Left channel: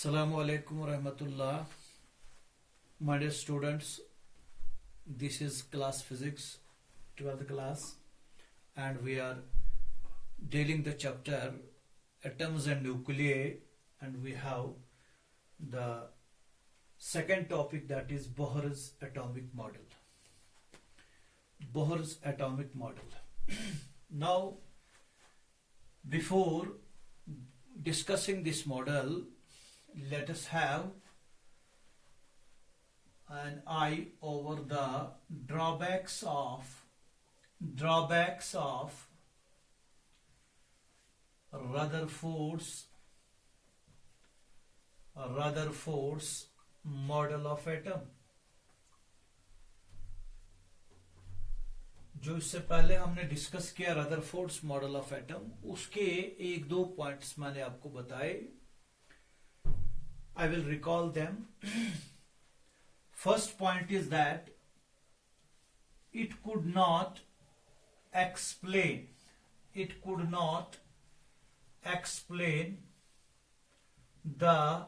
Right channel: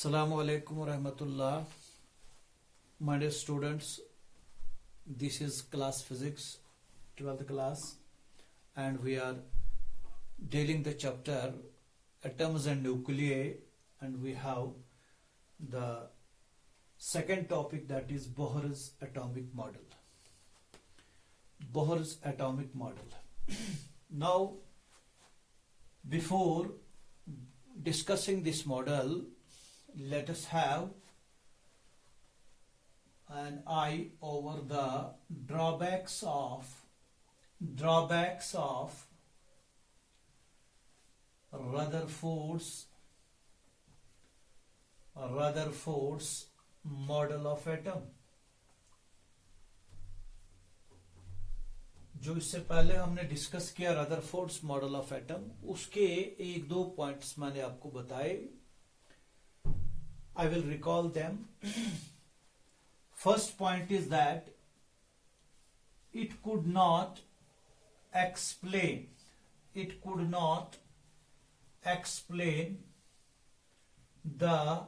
Assalamu alaikum wa rahmatullah. My dear students, this is class physics, 12th class, and we are dealing the chapter atoms and nuclei, and we have the second topic, that is Bohr's atomic model. Bohr's atomic model. Now, before discussing this model, let us have an eye over the drawbacks of Rutherford's model of atom. जो इससे पहले हमने discuss किया Rutherford's model of atom, उसके एक दो points मैंने आपको बताए. I will recall them. First point is that it could not explain the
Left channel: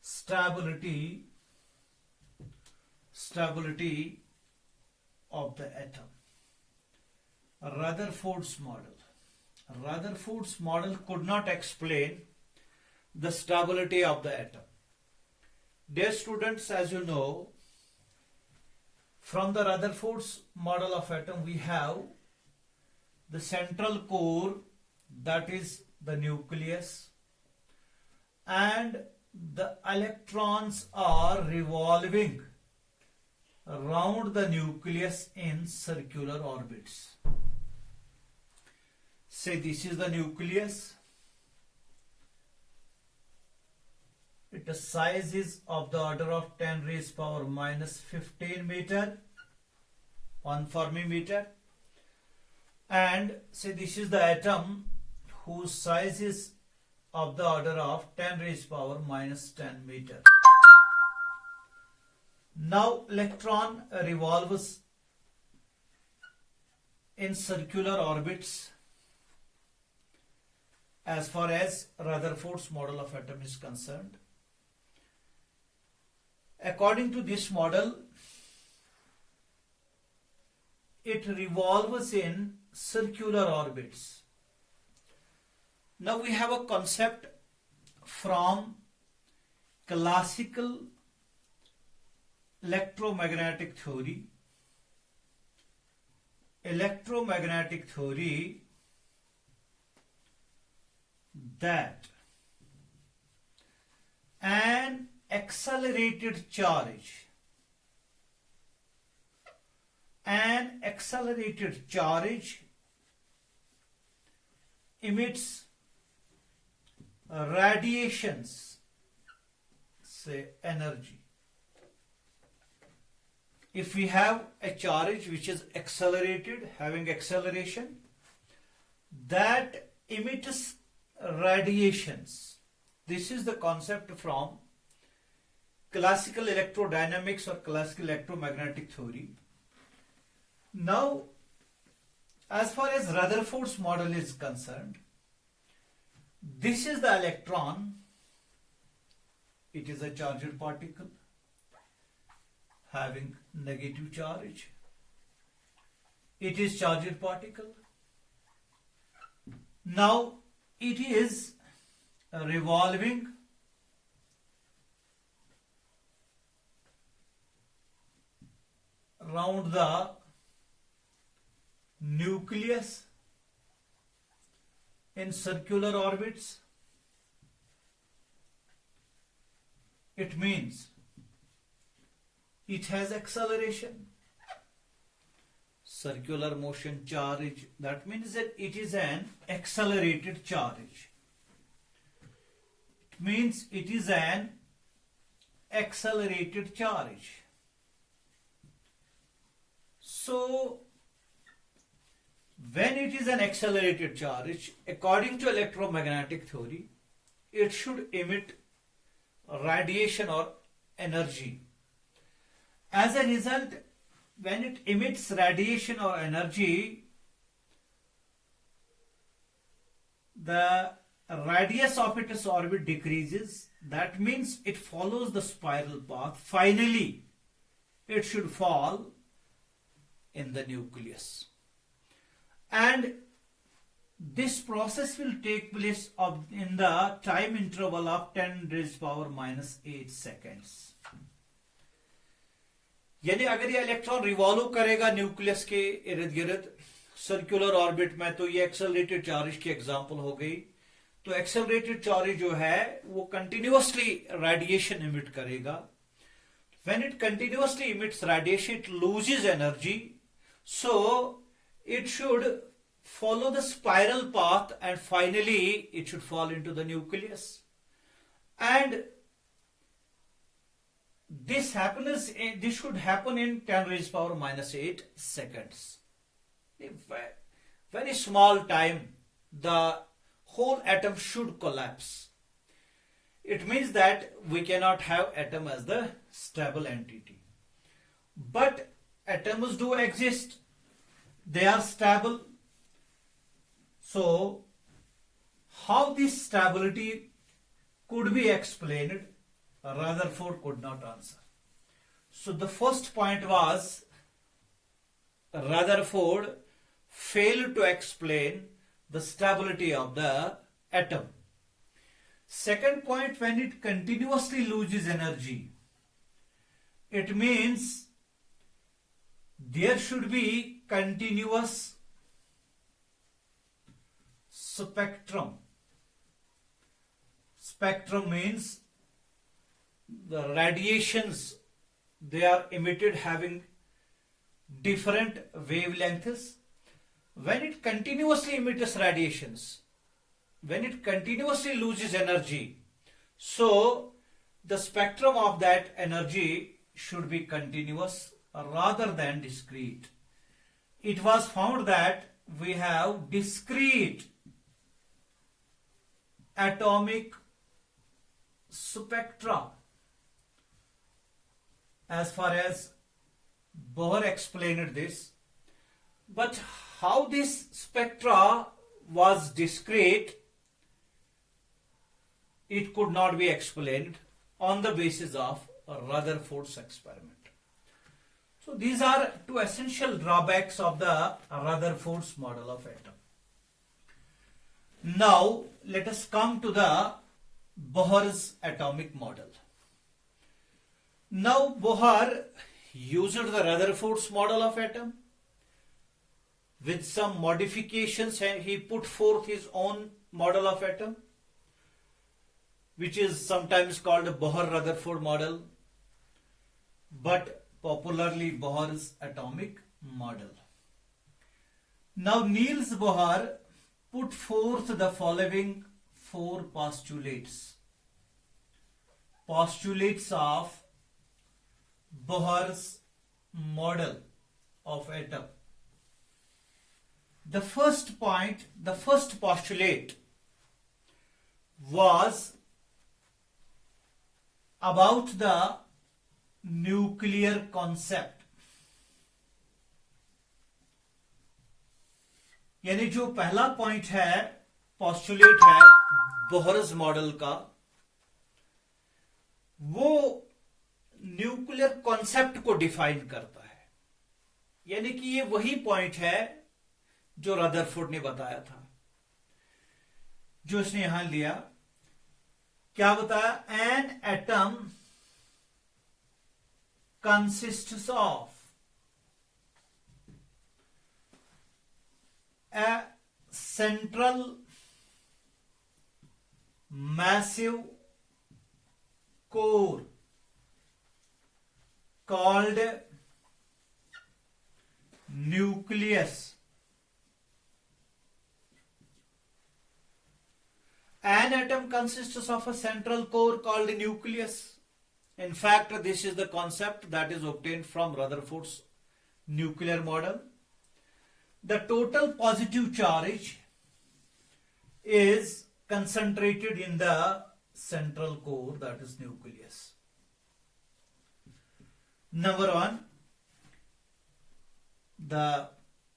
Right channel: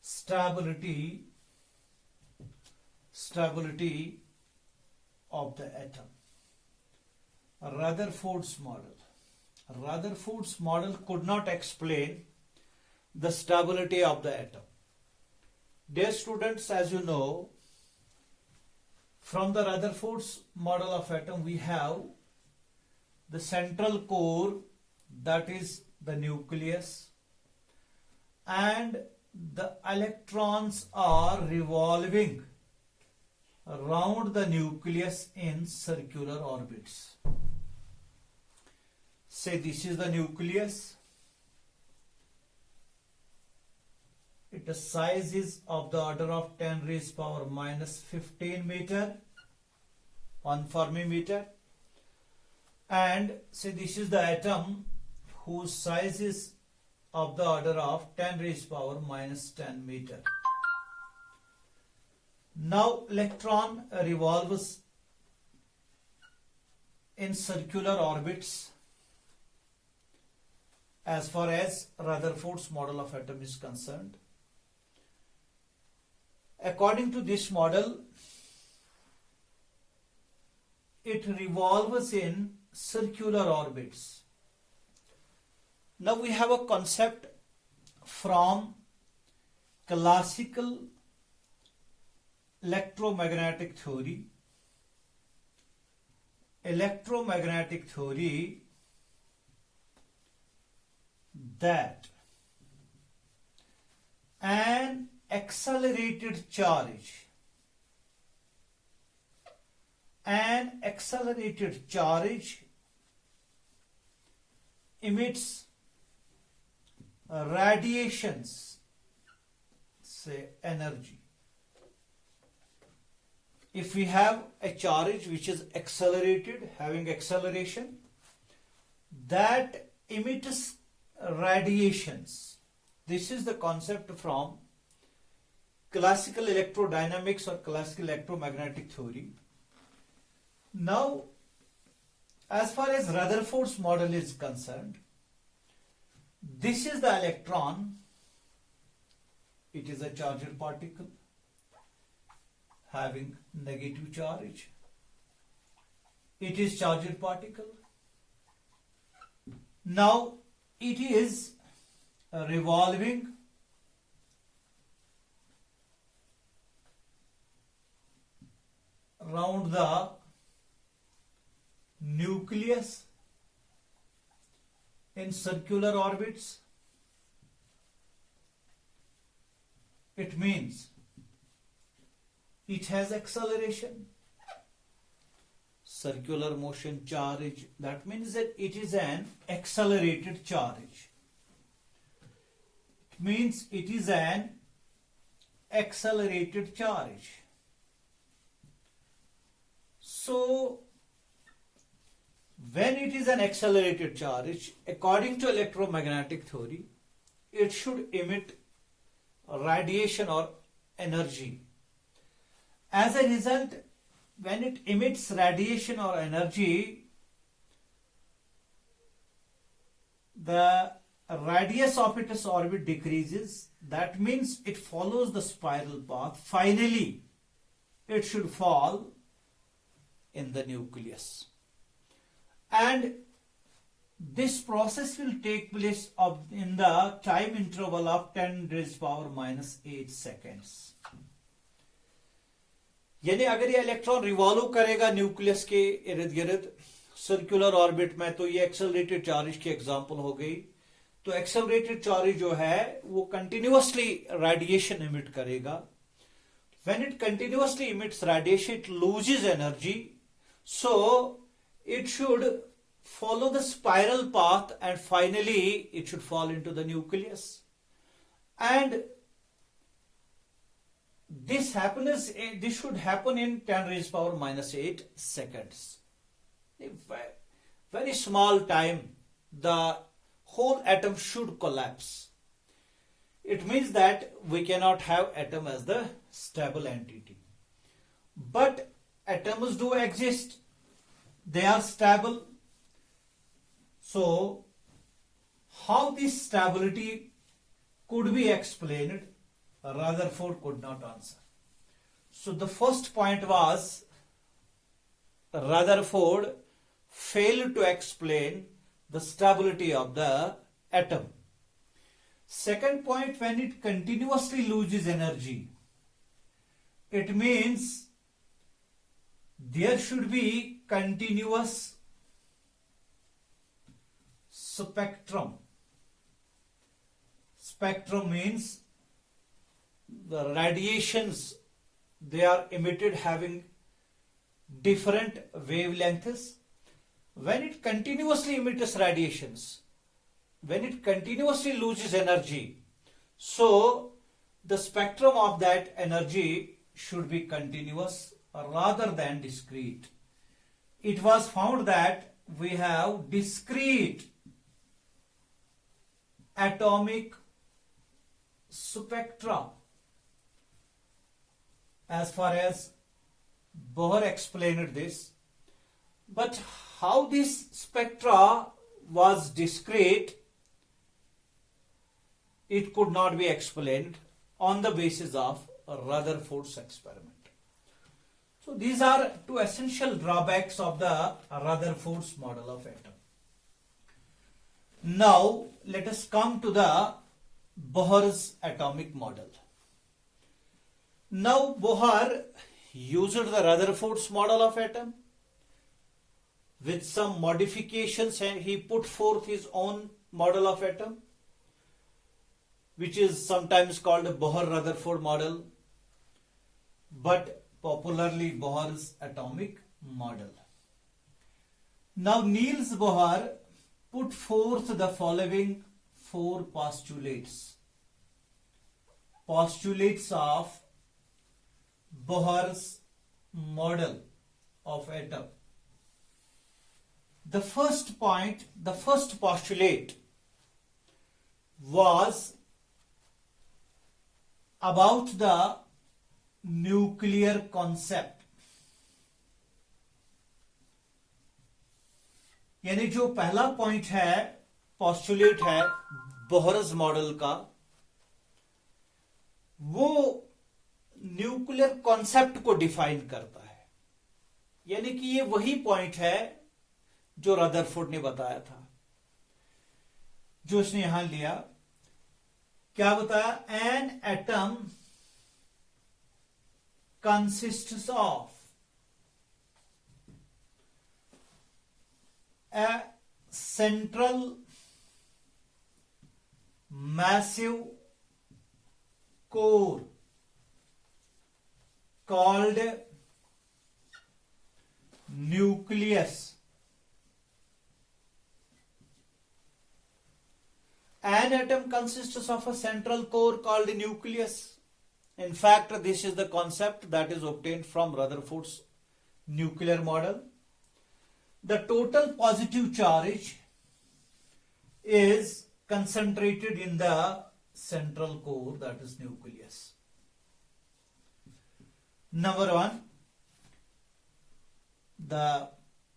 stability of the atom. Rutherford's model could not explain the stability of the atom. Dear students, as you know, from the Rutherford's model of atom, we have the central core, that is the nucleus, and the electrons are revolving around the nucleus in circular orbits. Say this is the nucleus. Its size is of the order of 10 raised power minus 15 meter, 1 Fermi meter. And say this is the atom whose size is of the order of 10 raised power minus 10 meter. Now electron revolves in circular orbits as far as Rutherford's model of atom is concerned. According to this model, it revolves in circular orbits. Now we have a concept from classical electromagnetic theory. That an accelerated charge emits radiations, say energy. If we have a charge which is accelerated, having acceleration, that emits radiations. This is the concept from classical electrodynamics or classical electromagnetic theory. Now, as far as Rutherford's model is concerned, this is the electron. It is a charged particle having negative charge. It is charged particle. Now, it is revolving around the nucleus in circular orbits. It means it has acceleration. Circular motion charge, that means that it is an accelerated charge. It means it is an accelerated charge. So, when it is an accelerated charge, according to electromagnetic theory, it should emit radiation or energy. As a result, when it emits radiation or energy, the radius of its orbit decreases, that means it follows the spiral path. Finally, it should fall in the nucleus. And this process will take place in the time interval of 10⁻⁻8 seconds. यानी अगर ये electron revolve करेगा nucleus के इर्द गिर्द circular orbit में, तो ये एक्सेलरेटेड चार्ज की एग्जांपल हो गई. तो एक्सेलरेटेड चार्ज जो है वो कंटिन्यूअसली रेडिएशन इमिट करेगा. When it continuously emits radiation, it loses energy, so it should follow the spiral path and finally it should fall into the nucleus. And this should happen in 10⁻⁻8 seconds. A very small time, the whole atom should collapse. It means that we cannot have atom as the stable entity. But atoms do exist. They are stable. So, how this stability could be explained, Rutherford could not answer. So, the first point was Rutherford failed to explain the stability of the atom. Second point, when it continuously loses energy, it means there should be continuous spectrum. Spectrum means the radiations, they are emitted having different wavelengths. When it continuously emits radiations, when it continuously loses energy, so the spectrum of that energy should be continuous rather than discrete. It was found that we have discrete atomic spectra as far as Bohr explained this. But how this spectra was discrete, it could not be explained on the basis of Rutherford's experiment. So these are two essential drawbacks of the Rutherford's model of atom. Now let us come to the Bohr's atomic model. Now Bohr used the Rutherford's model of atom with some modifications, and he put forth his own model of atom, which is sometimes called a Bohr-Rutherford model, but popularly Bohr's atomic model. Now Niels Bohr put forth the following four postulates. Postulates of Bohr's model of atom. The first point, the first postulate was about the nuclear concept. यानी जो पहला point है, postulate है Bohr's model का, वो nuclear concept को define करता है. यानी कि ये वही पॉइंट है जो रदरफोर्ड ने बताया था, जो इसने यहां लिया. क्या बताया? An atom consists of a central massive core called nucleus. An atom consists of a central core called nucleus. In fact, this is the concept that is obtained from Rutherford's nuclear model. The total positive charge is concentrated in the central core, that is nucleus. Number one, the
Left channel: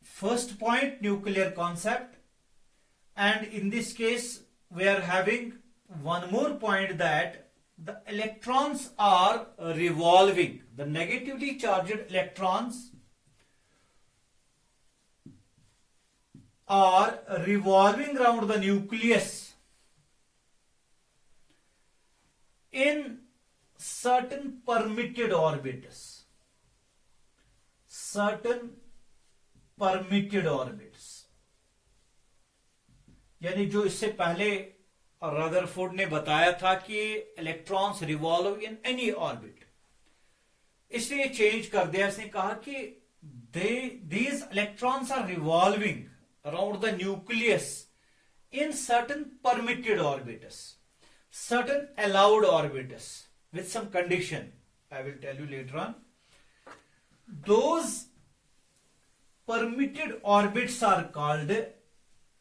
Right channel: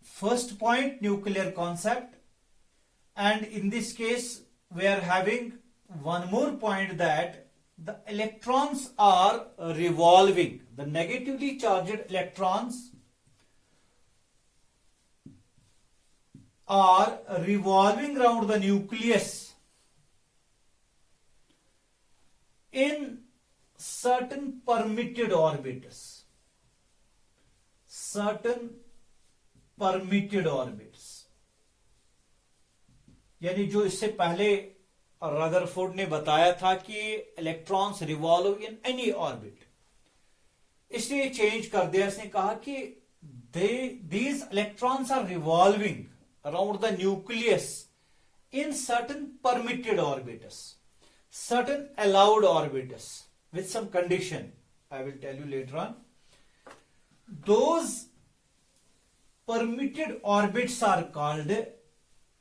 first point, nuclear concept, and in this case we are having one more point that the electrons are revolving. The negatively charged electrons are revolving around the nucleus in certain permitted orbits. Certain permitted orbits. यानी जो इससे पहले Rutherford ने बताया था कि electrons revolve in any orbit, इसलिए change कर दिया. इसने कहा कि these electrons are revolving around the nucleus in certain permitted orbits, certain allowed orbits with some condition. I will tell you later on. Those permitted orbits are called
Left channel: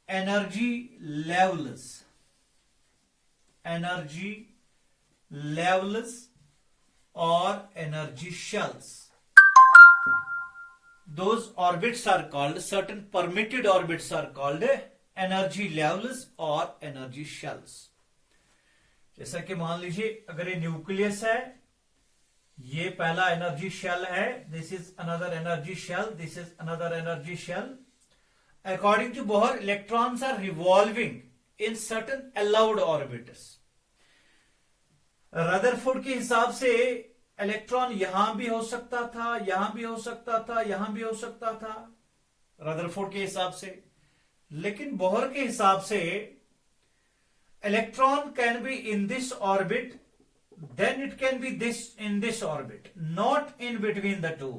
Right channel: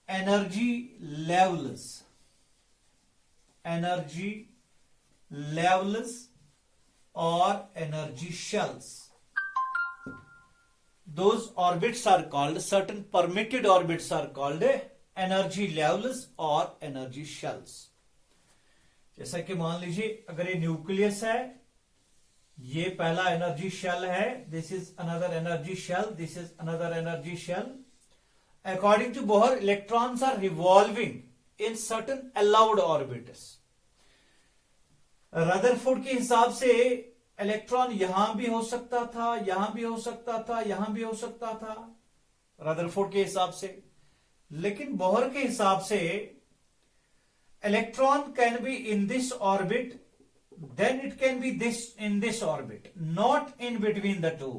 energy levels. Energy levels or energy shells. Those orbits are called, certain permitted orbits are called energy levels or energy shells. जैसा कि मान लीजिए अगर ये nucleus है, ये पहला energy shell है, this is another energy shell, this is another energy shell. According to Bohr, electrons are revolving in certain allowed orbits. Rutherford के हिसाब से इलेक्ट्रॉन यहां भी हो सकता था, यहां भी हो सकता था, यहां भी हो सकता था, रदरफोर्ड के हिसाब से. लेकिन बोहर के हिसाब से electron can be in this orbit, then it can be this in this orbit, not in between the two.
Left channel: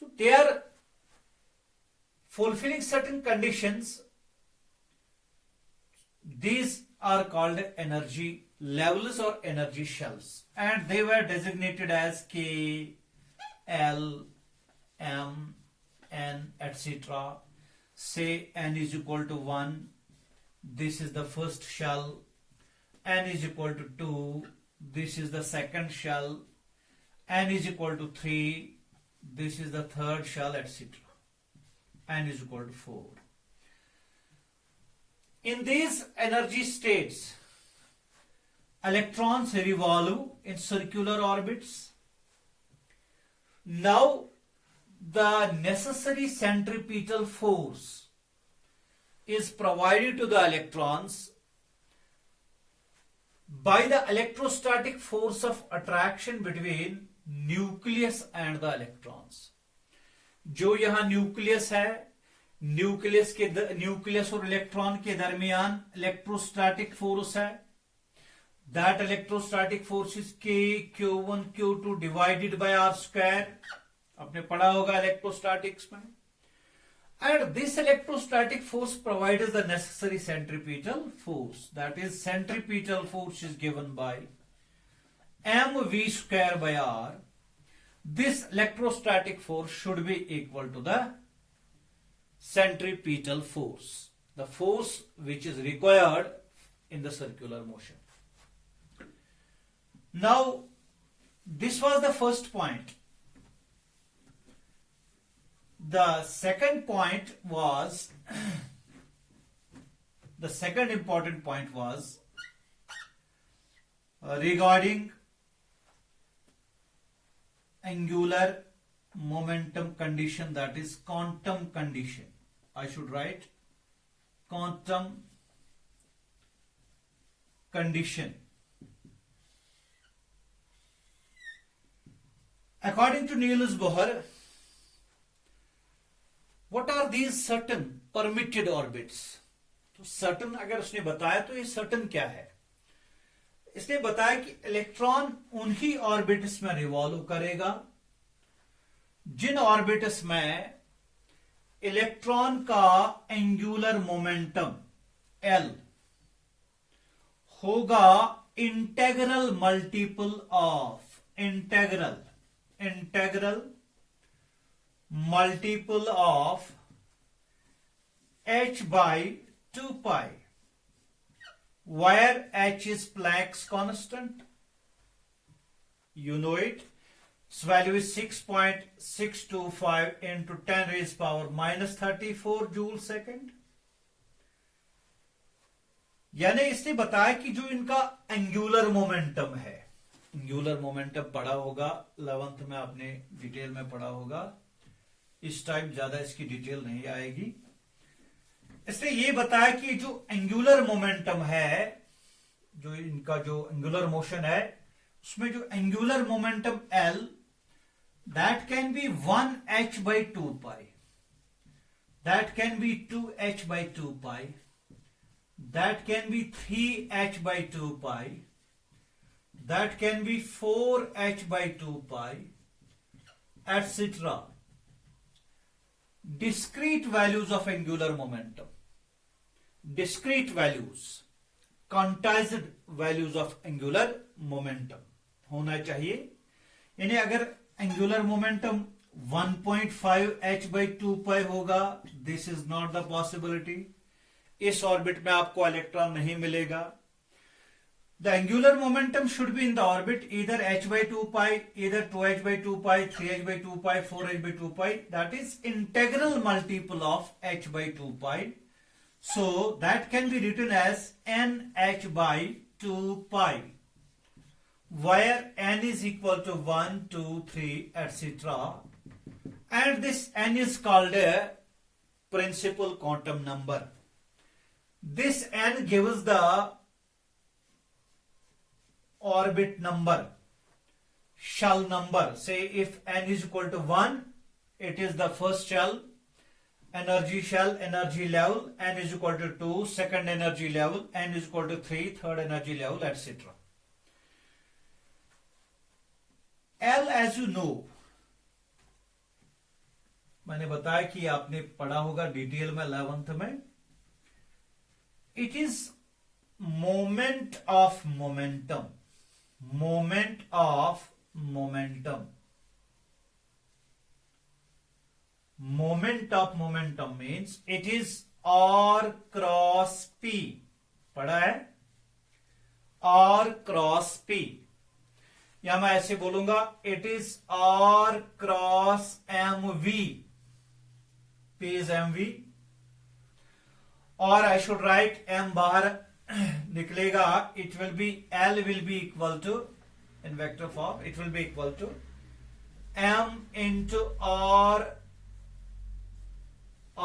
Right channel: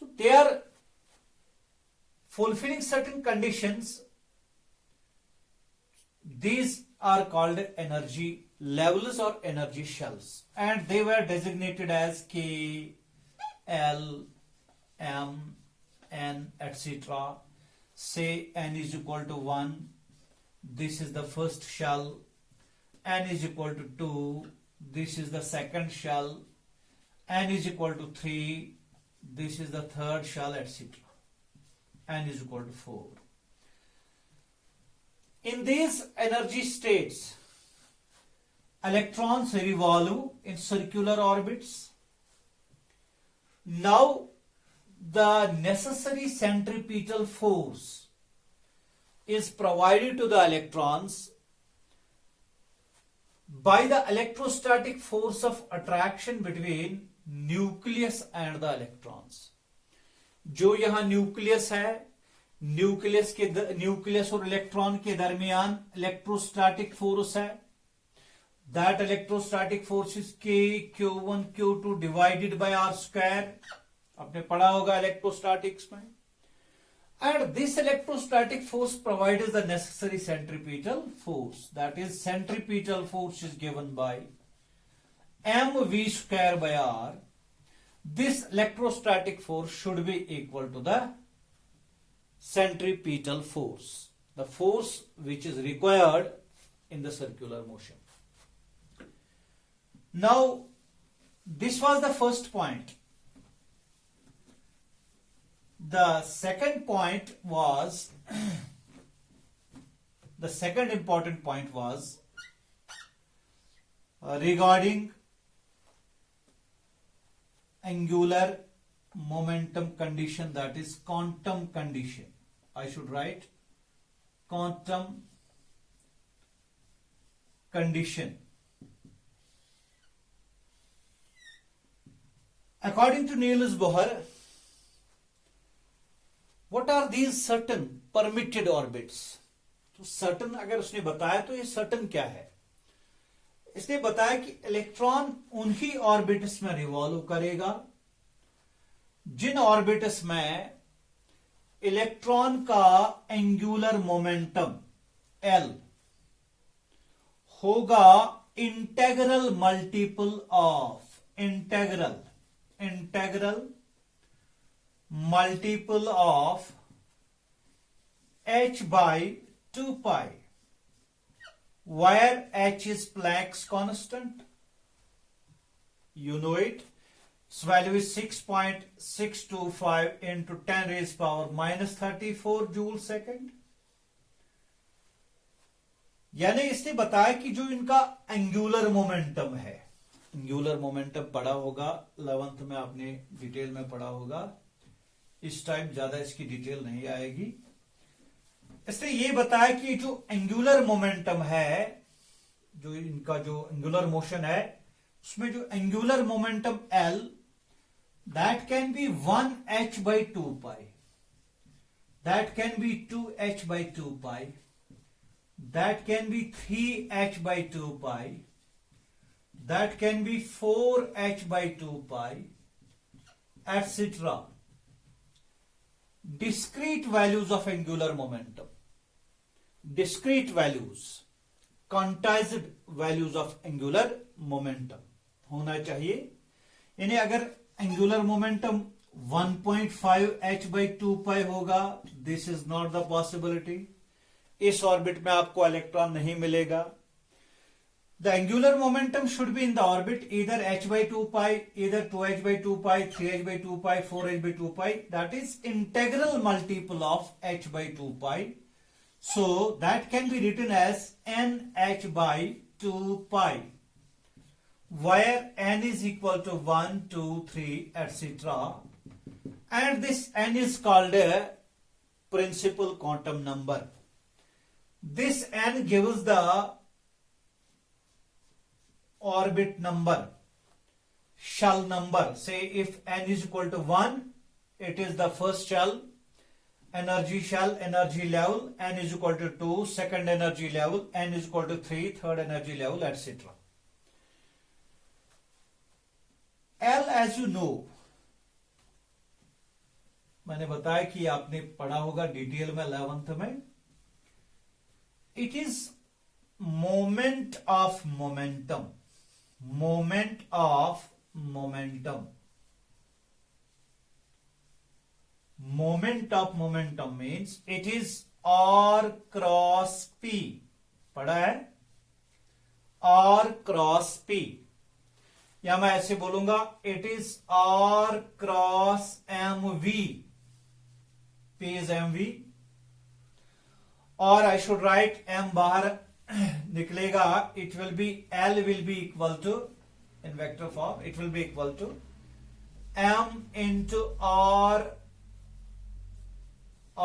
So they are fulfilling certain conditions. These are called energy levels or energy shells, and they were designated as K, L, M, N, etc. Say N is equal to 1, this is the first shell. N is equal to 2, this is the second shell. N is equal to 3, this is the third shell, etc. N is equal to 4. In these energy states, electrons revolve in circular orbits. Now, the necessary centripetal force is provided to the electrons by the electrostatic force of attraction between nucleus and the electrons. जो यहां nucleus है, nucleus और electron के दरमियान electrostatic force है. That electrostatic force is K Q1 Q2 divided by R square. आपने पढ़ा होगा इलेक्ट्रोस्टैटिक्स में. And this electrostatic force provides the necessary centripetal force. That is centripetal force is given by mv square by R. This electrostatic force should be equal to the centripetal force, the force which is required in the circular motion. Now, this was the first point. The second point was, the second important point was regarding angular momentum condition, that is quantum condition. I should write quantum condition. According to Niels Bohr, what are these certain permitted orbits? तो certain अगर उसने बताया तो ये certain क्या है? इसने बताया कि इलेक्ट्रॉन उन्हीं ऑर्बिट्स में रिवॉल्व करेगा जिन ऑर्बिट्स में इलेक्ट्रॉन का एंगुलर मोमेंटम L होगा integral multiple of integral multiple of h by 2 pi. Where h is Planck's constant, you know it. Its value is 6.625 into 10 raised power minus 34 joule second. यानी इसने बताया कि जो इनका angular momentum है, angular momentum पढ़ा होगा 11th में, आपने डिटेल में पढ़ा होगा। इस टाइम ज्यादा इसकी डिटेल नहीं आएगी। इसने ये बताया कि जो एंगुलर मोमेंटम है, जो इनका जो एंगुलर मोशन है, उसमें जो angular momentum L, that can be 1h by 2 pi, that can be 2h by 2 pi, that can be 3h by 2 pi, that can be 4h by 2 pi, etc. Discrete values of angular momentum, discrete values, quantized values of angular momentum होना चाहिए। यानी अगर angular momentum 1.5h by 2 pi होगा, this is not the possibility. इस orbit में आपको electron नहीं मिलेगा। The angular momentum should be in the orbit either h by 2 pi, either 2h by 2 pi, 3h by 2 pi, 4h by 2 pi, that is integral multiple of h by 2 pi. So that can be written as nh by 2 pi, where n is equal to 1, 2, 3, etc. And this n is called a principal quantum number. This n gives the orbit number, shell number. Say if n is equal to 1, it is the first shell, energy shell, energy level. N is equal to 2, second energy level. N is equal to 3, third energy level, etc. L, as you know, मैंने बताया कि आपने पढ़ा होगा detail में 11th में, it is moment of momentum, moment of momentum, moment of momentum means it is R cross P, पढ़ा है, R क्रॉस P, या मैं ऐसे बोलूंगा it is R cross MV, P is MV, और आई शुड राइट M बाहर निकलेगा, it will be L will be equal to, in vector form it will be equal to M into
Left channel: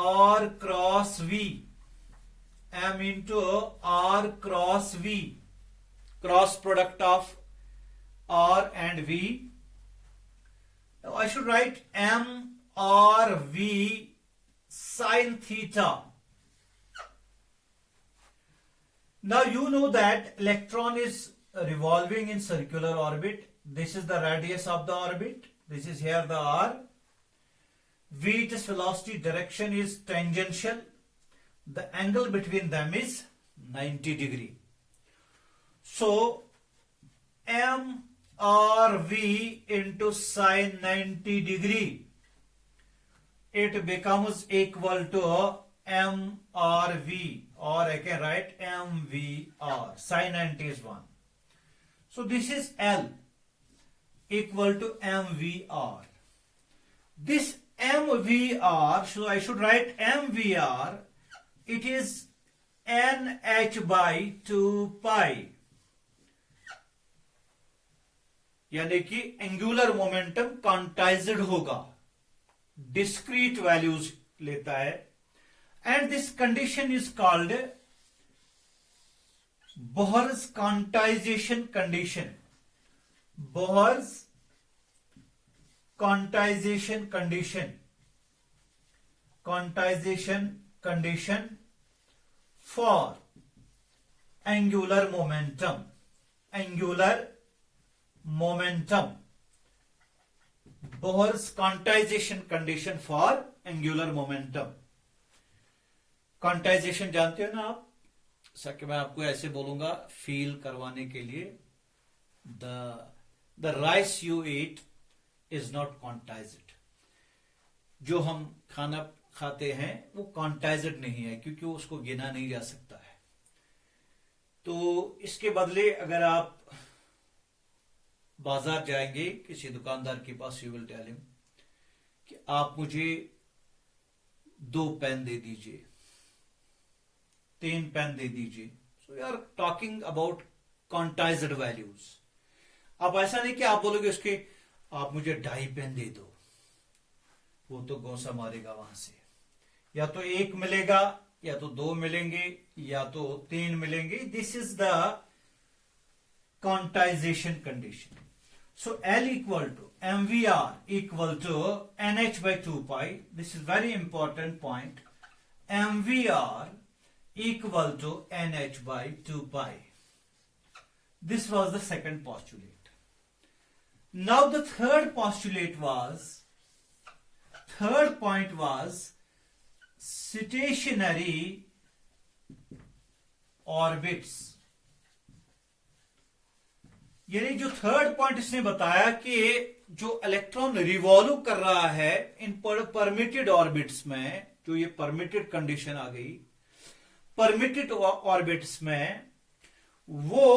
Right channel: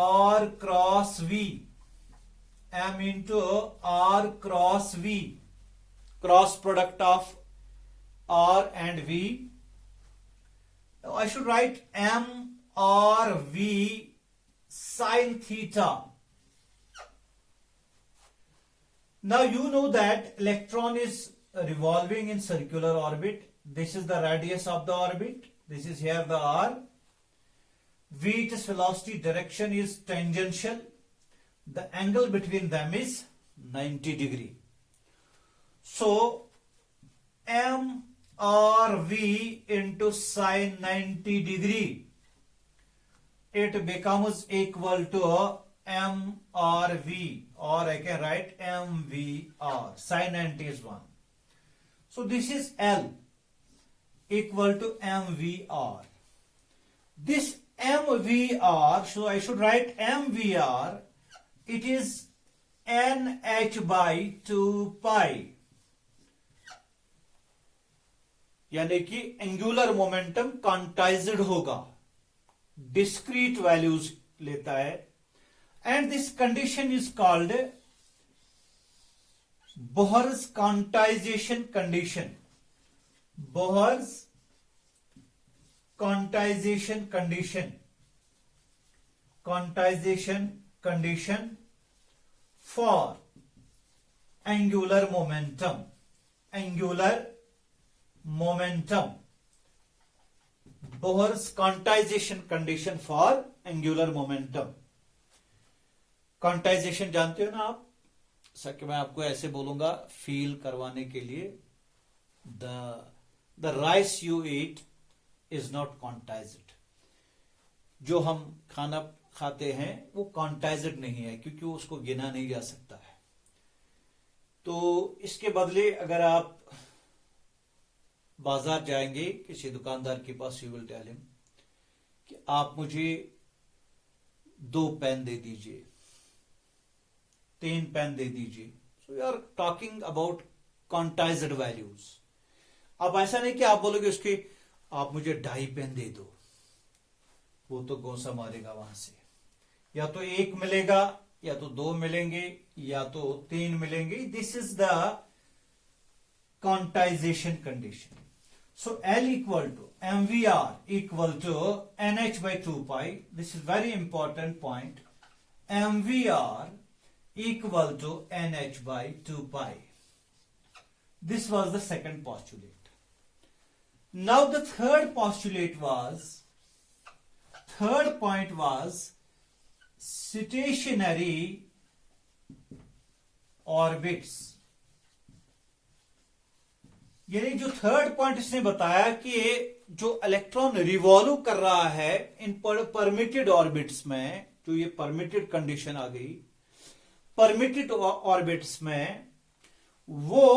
R cross V, M into R cross V, cross product of R and V. Now I should write M R V sin theta. Now you know that electron is revolving in circular orbit. This is the radius of the orbit. This is here the R. V, its velocity direction is tangential. The angle between them is 90 degree. So M R V into sine 90 degree, it becomes equal to M R V, or I can write M V R, sine 90 is 1. So this is L equal to M V R. This M V R, so I should write M V R, it is NH by 2 pi. यानी कि angular momentum quantized होगा, discrete values लेता है, and this condition is called Bohr's quantization condition, Bohr's quantization condition, quantization condition for angular momentum, angular momentum, Bohr's quantization condition for angular momentum. Quantization जानते हो ना आप, sir कि मैं आपको ऐसे बोलूंगा फील करवाने के लिए, the rice you eat is not quantized. जो हम खाना खाते हैं वो क्वांटाइज्ड नहीं है, क्योंकि उसको गिना नहीं जा सकता है। तो इसके बदले अगर आप बाजार जाएंगे किसी दुकानदार के पास, यू विल टेल हिम कि आप मुझे 2 पेन दे दीजिए, 3 पेन दे दीजिए, we are talking about quantised values. अब ऐसा नहीं कि आप बोलोगे उसकी आप मुझे 2.5 पेन दे दो, वो तो गोसा मारेगा वहां से। या तो 1 मिलेगा, या तो 2 मिलेंगे, या तो 3 मिलेंगे। This is the quantization condition. So L equal to MVR equal to NH by 2 pi. This is very important point. MVR equal to NH by 2 pi. This was the second postulate. Now the third postulate was, third point was stationary orbits. यानी जो third point इसने बताया कि जो electron revolve कर रहा है इन permitted orbits में, जो ये परमिटेड कंडीशन आ गई, परमिटेड ऑर्बिट्स में वो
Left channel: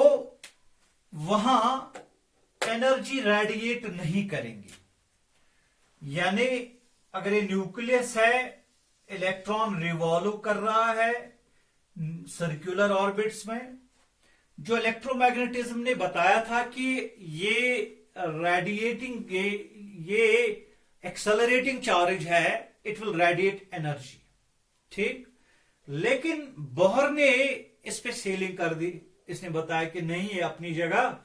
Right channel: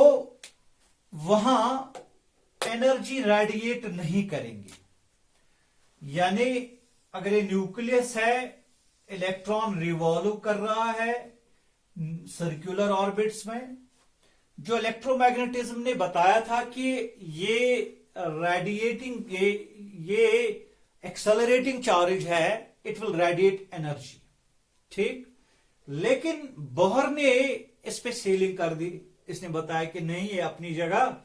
वहां एनर्जी रेडिएट नहीं करेंगी। यानी अगर ये न्यूक्लियस है, इलेक्ट्रॉन रिवॉल्व कर रहा है सर्कुलर ऑर्बिट्स में, जो इलेक्ट्रोमैग्नेटिज्म ने बताया था कि ये रेडिएटिंग, ये एक्सेलरेटिंग चार्ज है, इट विल रेडिएट एनर्जी, ठीक। लेकिन बोहर ने इस पे सीलिंग कर दी। इसने बताया कि नहीं, ये अपनी जगह,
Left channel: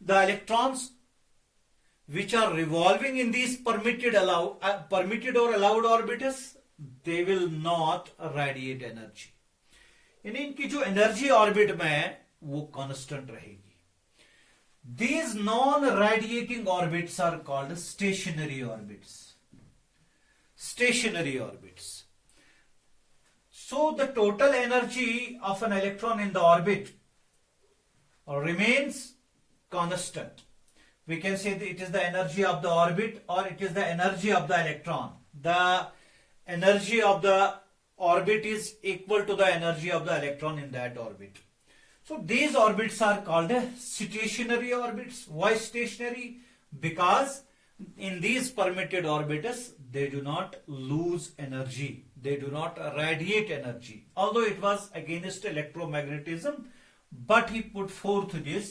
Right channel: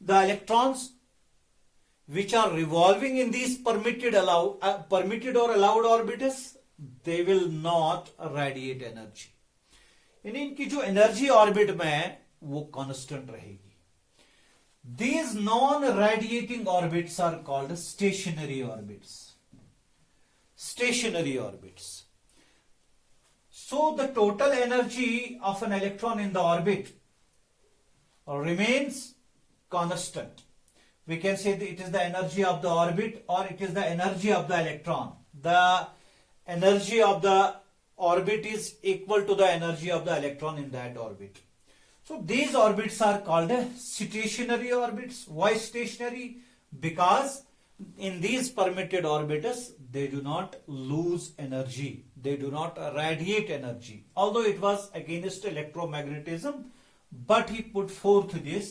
the electrons which are revolving in these permitted और allowed orbits, they will not radiate energy. यानी इनकी जो एनर्जी ऑर्बिट में वो कांस्टेंट रहेगी। These non-radiating orbits are called stationary orbits. Stationary orbits. So the total energy of an electron in the orbit remains constant. We can say that it is the energy of the orbit or it is the energy of the electron. The energy of the orbit is equal to the energy of the electron in that orbit. So these orbits are called stationary orbits. Why stationary? Because in these permitted orbitals, they do not lose energy. They do not radiate energy. Although it was against electromagnetism, but he put forth this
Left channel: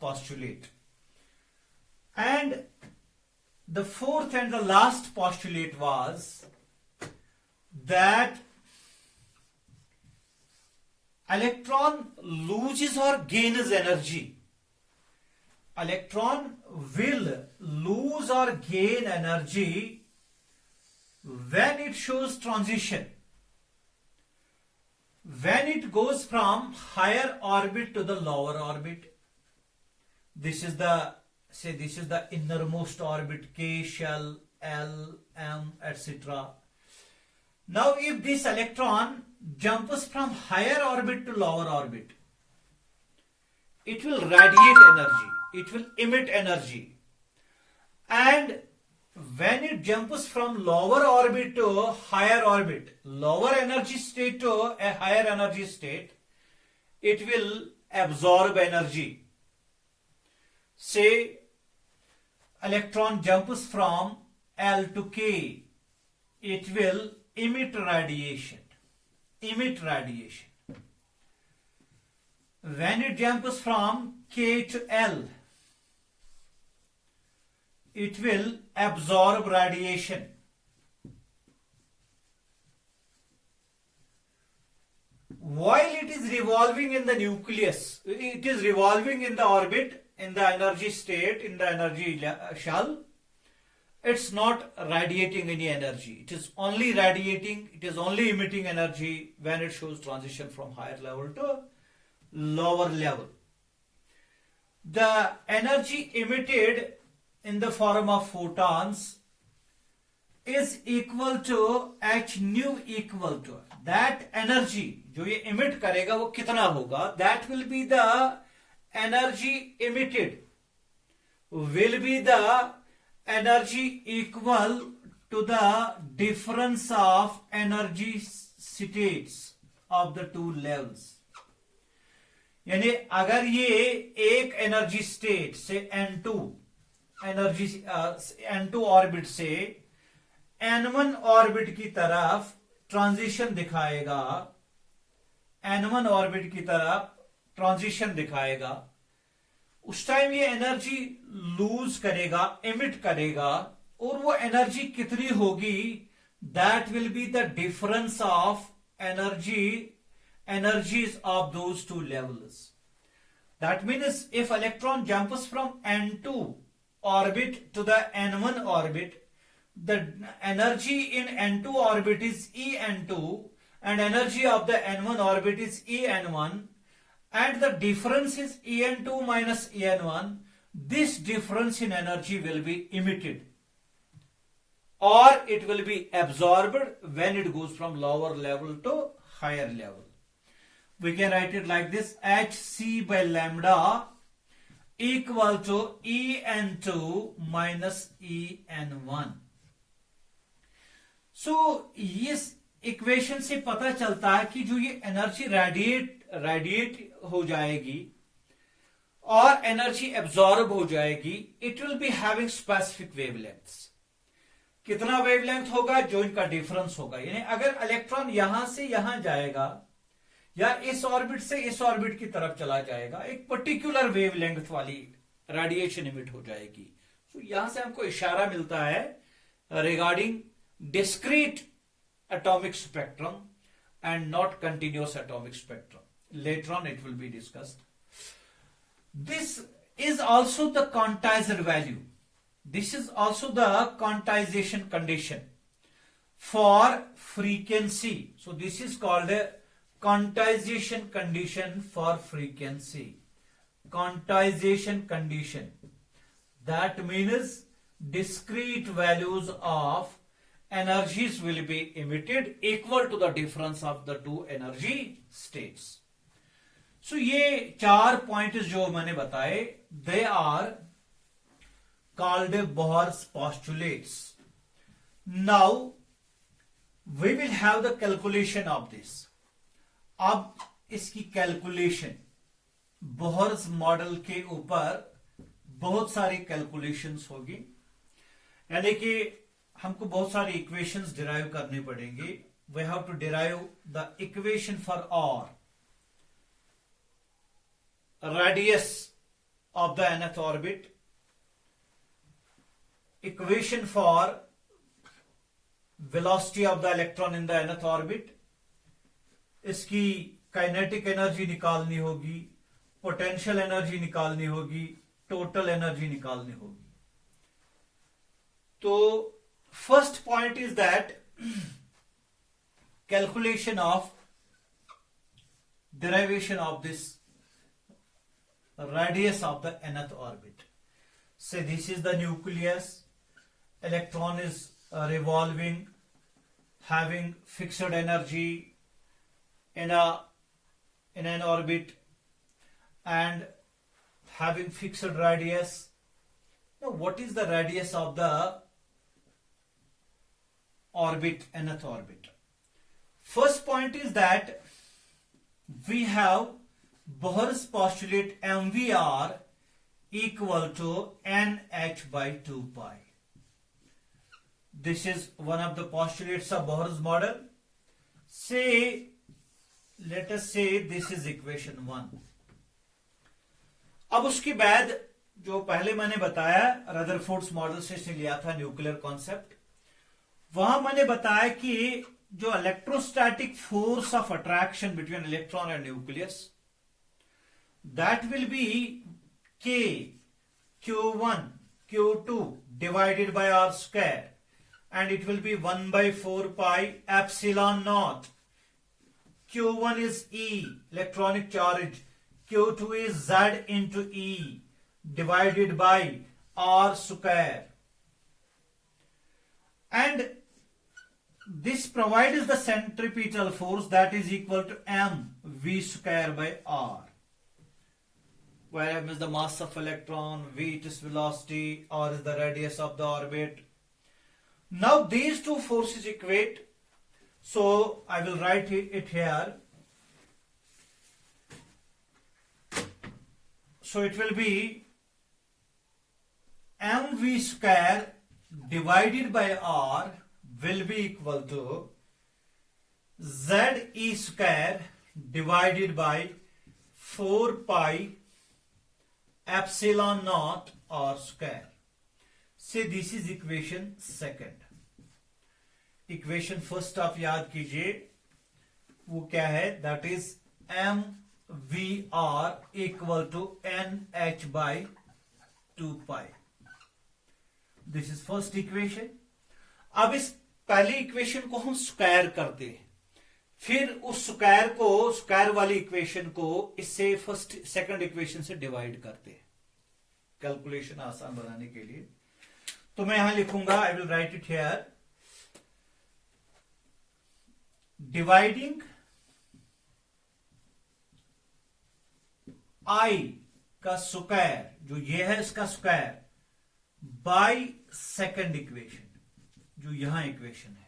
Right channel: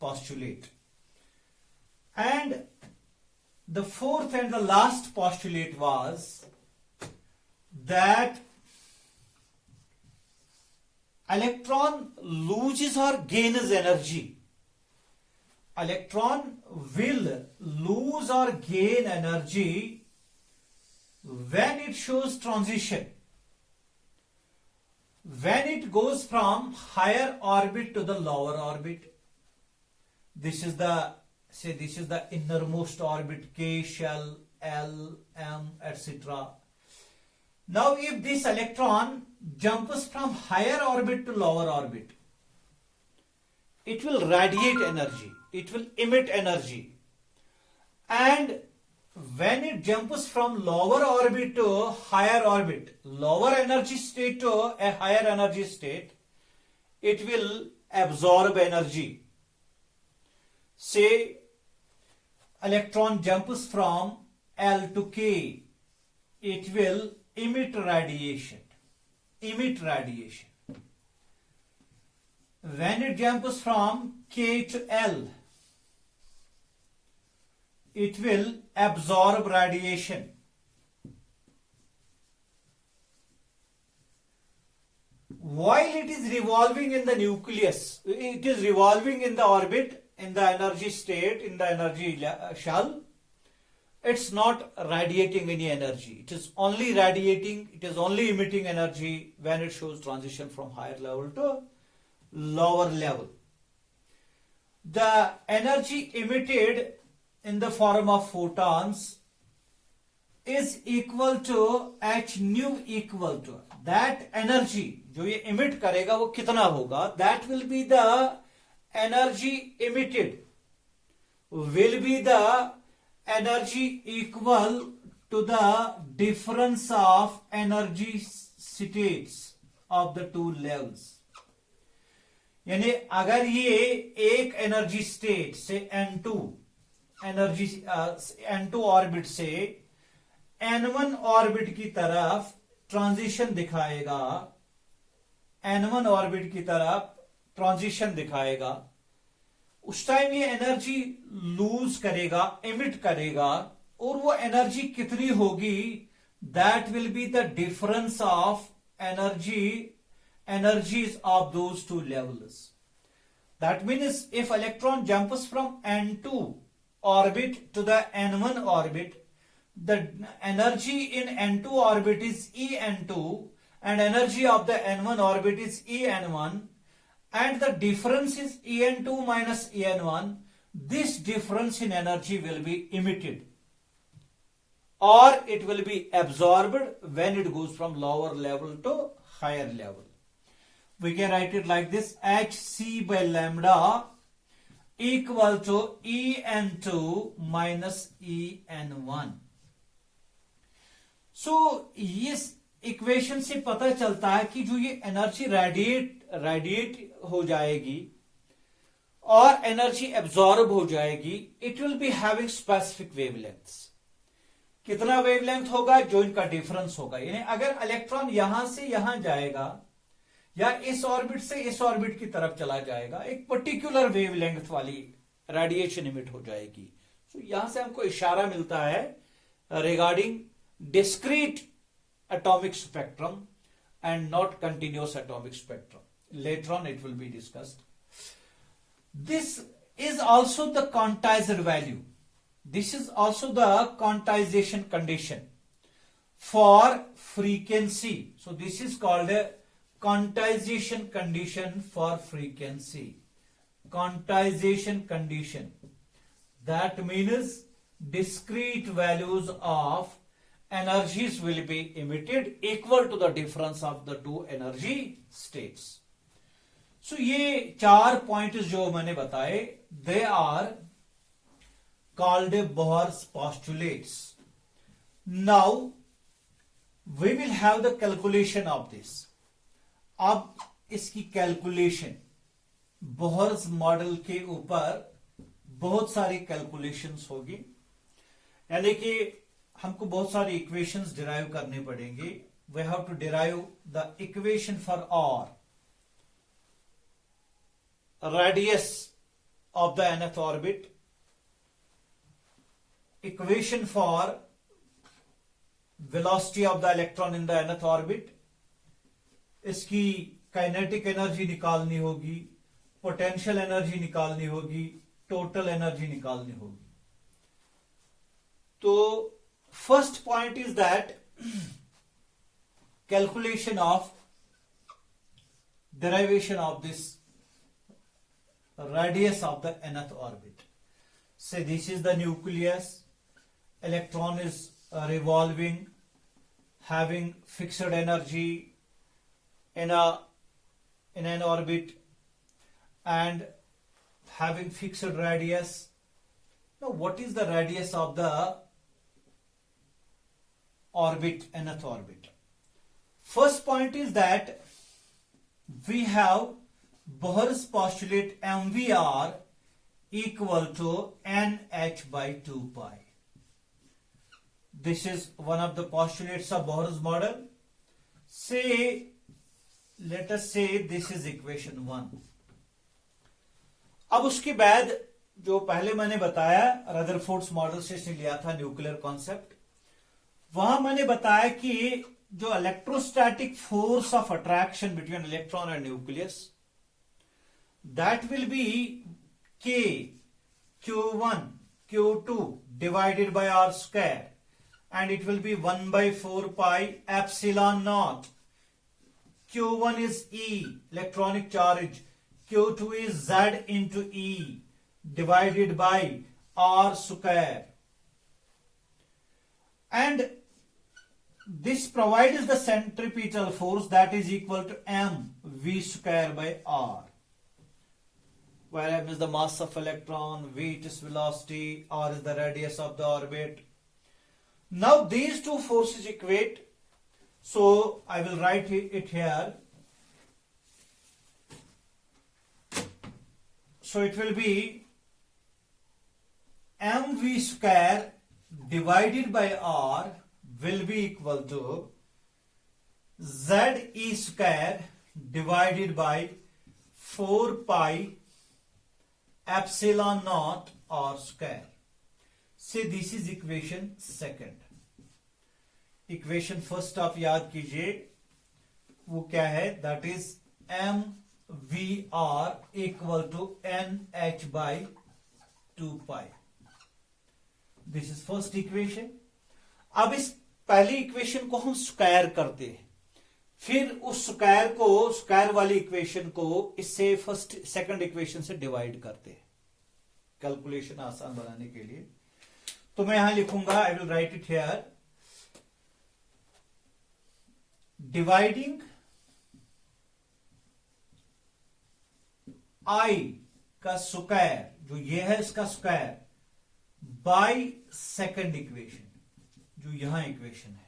postulate. And the fourth and the last postulate was that electron loses or gains energy. Electron will lose or gain energy when it shows transition, when it goes from higher orbit to the lower orbit. This is the innermost orbit, K shell, L, M, etc. Now if this electron jumps from higher orbit to lower orbit, it will radiate energy, it will emit energy. And when it jumps from lower orbit to higher orbit, lower energy state to a higher energy state, it will absorb energy. Say electron jumps from L to K, it will emit radiation. When it jumps from K to L, it will absorb radiation. While it is revolving in the nucleus, it is revolving in the orbit, in the energy state, in the energy shell, it's not radiating any energy. It is only radiating, it is only emitting energy when it shows transition from higher level to lower level. The energy emitted in the form of photons is equal to h nu equal to that energy जो ये emit करेगा वो कितना होगा, that will be the energy emitted, will be the energy equal to the difference of energy states of the two levels. यानी अगर ये एक एनर्जी स्टेट से N2 एनर्जी N2 ऑर्बिट से N1 ऑर्बिट की तरफ ट्रांजिशन दिखाएगा, N1 ऑर्बिट की तरफ ट्रांजिशन दिखाएगा, उस टाइम ये एनर्जी लूज करेगा, एमिट करेगा, और वो एनर्जी कितनी होगी, that will be the difference of energies of those two levels. That means if electron jumps from n2 orbit to the n1 orbit, the energy in n2 orbit is En2 and energy of the n1 orbit is En1, and the difference is En2 minus En1. This difference in energy will be emitted or it will be absorbed when it goes from lower level to higher level. We can write it like this: hc by lambda equal to En2 minus En1. So इस equation से पता चलता है कि जो ये energy radiate हो जाएगी और एनर्जी एब्जॉर्ब हो जाएगी, it will be having specific wavelengths. कितना वेवलेंथ होगा? जो इनका डिफरेंस होगा. यानी अगर इलेक्ट्रॉन यहां से यहां जाएगा या इस ऑर्बिट से इस ऑर्बिट की तरफ चला जाएगा, एक पर्टिकुलर वेवलेंथ वाली रेडिएशन इमिट हो जाएगी. तो यहां से हमको इशारा मिलता है regarding discrete atomic spectrum and not continuous atomic spectrum. Later on it will be discussed. This is also the quantized value. This is also the quantization condition for frequency. So this is called a quantization condition for frequency. Quantization condition. That means discrete values of energies will be emitted equal to the difference of the two energy states. So ये 4 points जो मैंने बताए, they are called Bohr's postulates. Now we will have the calculation of this. अब इसकी calculation, Bohr's model के ऊपर बहुत सारी कैलकुलेशंस होगी, यानी कि हमको बहुत सारी इक्वेशंस डिराइव करने पड़ेंगे. We have to derive the equation for R radius of the nth orbit, equation for velocity of the electron in the nth orbit, इसकी काइनेटिक एनर्जी निकालनी होगी, पोटेंशियल एनर्जी निकालनी होगी, टोटल एनर्जी निकालनी होगी. तो first point is that calculation of derivation of this radius of the nth orbit. Say this is the nucleus, electron is revolving, having fixed energy in an orbit and having fixed radius. Now what is the radius of the orbit, nth orbit? First point is that we have Bohr's postulate mvr equal to nh by 2 pi. This is one of the postulates of Bohr's model. Say, let us say this is equation 1. अब उसके बाद जो पहले मैंने बताया Rutherford's model से इसने लिया था न्यूक्लियर कॉन्सेप्ट, वहां मैंने बताया कि जो electrostatic force of attraction between electron and nucleus, that will be k q1 q2 divided by r square, and it will be 1 by 4 pi epsilon naught. q1 is E, electronic charge, q2 is Z into E divided by r square, and this provides the centripetal force that is equal to m v square by r, where m is the mass of electron, v is velocity, r is the radius of the orbit. Now these two forces equate, so I will write it here. So it will be mv square divided by r will be equal to Ze square divided by 4 pi epsilon naught r square. से this is equation second. Equation first आप याद कीजिए, वो क्या है? That is M V R equal to N H by 2 pi. This is first equation. अब इस पहली इक्वेशन को हम स्क्वायर करते हैं, फिर उस स्क्वायर वाली इक्वेशन को इससे फर्स्ट सेकंड इक्वेशन से डिवाइड करते हैं कैलकुलेशन आसान बनाने के लिए. तो मैं यहां लिखूंगा, I will write it here, dividing I का स्क्वायर, जो ये है इसका स्क्वायर, बाय सेकंड इक्वेशन, जो यहां इक्वेशन है.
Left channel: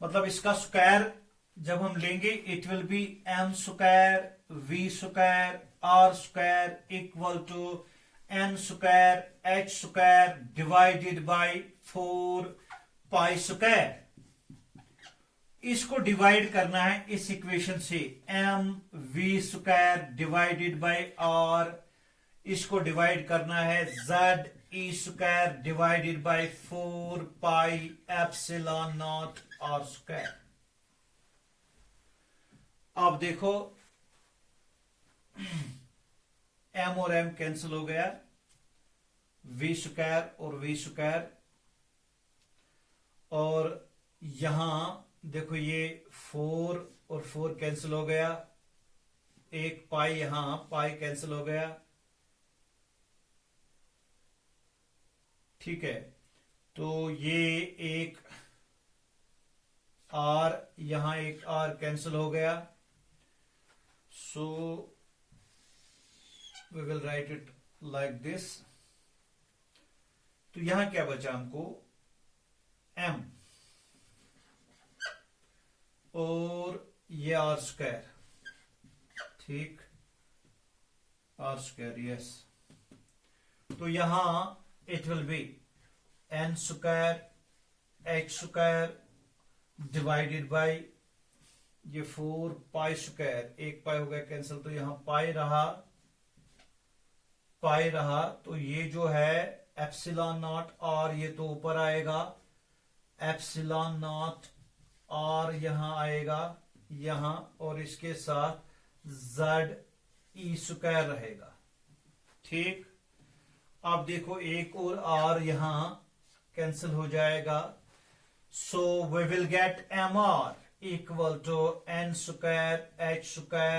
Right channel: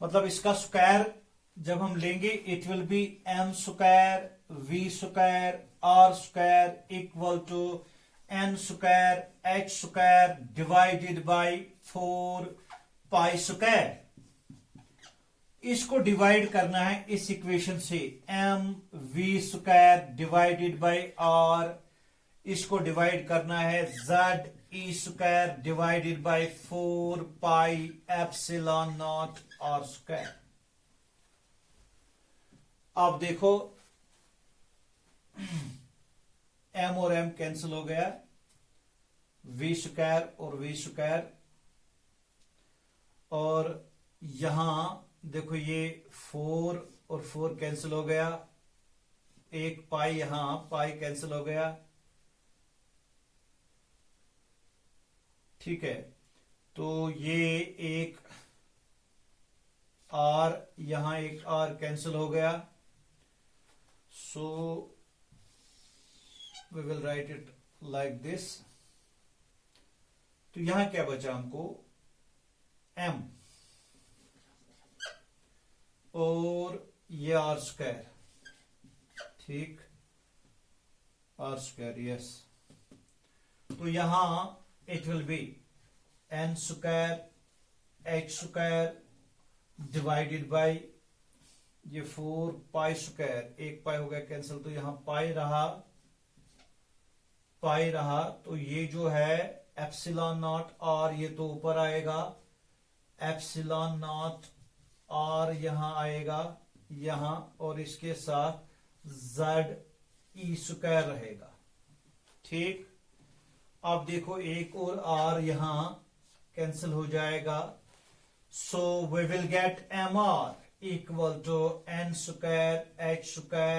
मतलब इसका स्क्वायर जब हम लेंगे, it will be M square V square R square equal to N square H square divided by 4 pi square. इसको डिवाइड करना है इस इक्वेशन से, M V square divided by R. इसको डिवाइड करना है Z E square divided by 4 pi epsilon naught R square. अब देखो, एम और एम कैंसिल हो गया, वी स्क्वायर और वी स्क्वायर, और यहां देखो ये 4 और 4 कैंसिल हो गया, एक पाई यहां पाई कैंसिल हो गया. ठीक है, तो ये एक आर, यहां एक आर कैंसिल हो गया. So we will write it like this. तो यहां क्या बचा हमको? एम और ये आर स्क्वायर. ठीक, आर स्क्वायर, यस. तो यहां it will be N square H square divided by ये 4 पाई स्क्वायर, एक पाई हो गया कैंसिल, तो यहां पाई रहा. तो ये जो है एप्सिलॉन नॉट आर, ये तो ऊपर आएगा, एप्सिलॉन नॉट आर यहां आएगा यहां, और इसके साथ जेड ई स्क्वायर रहेगा. ठीक, अब देखो एक और आर यहां कैंसिल हो जाएगा. So we will get M R equal to N square H square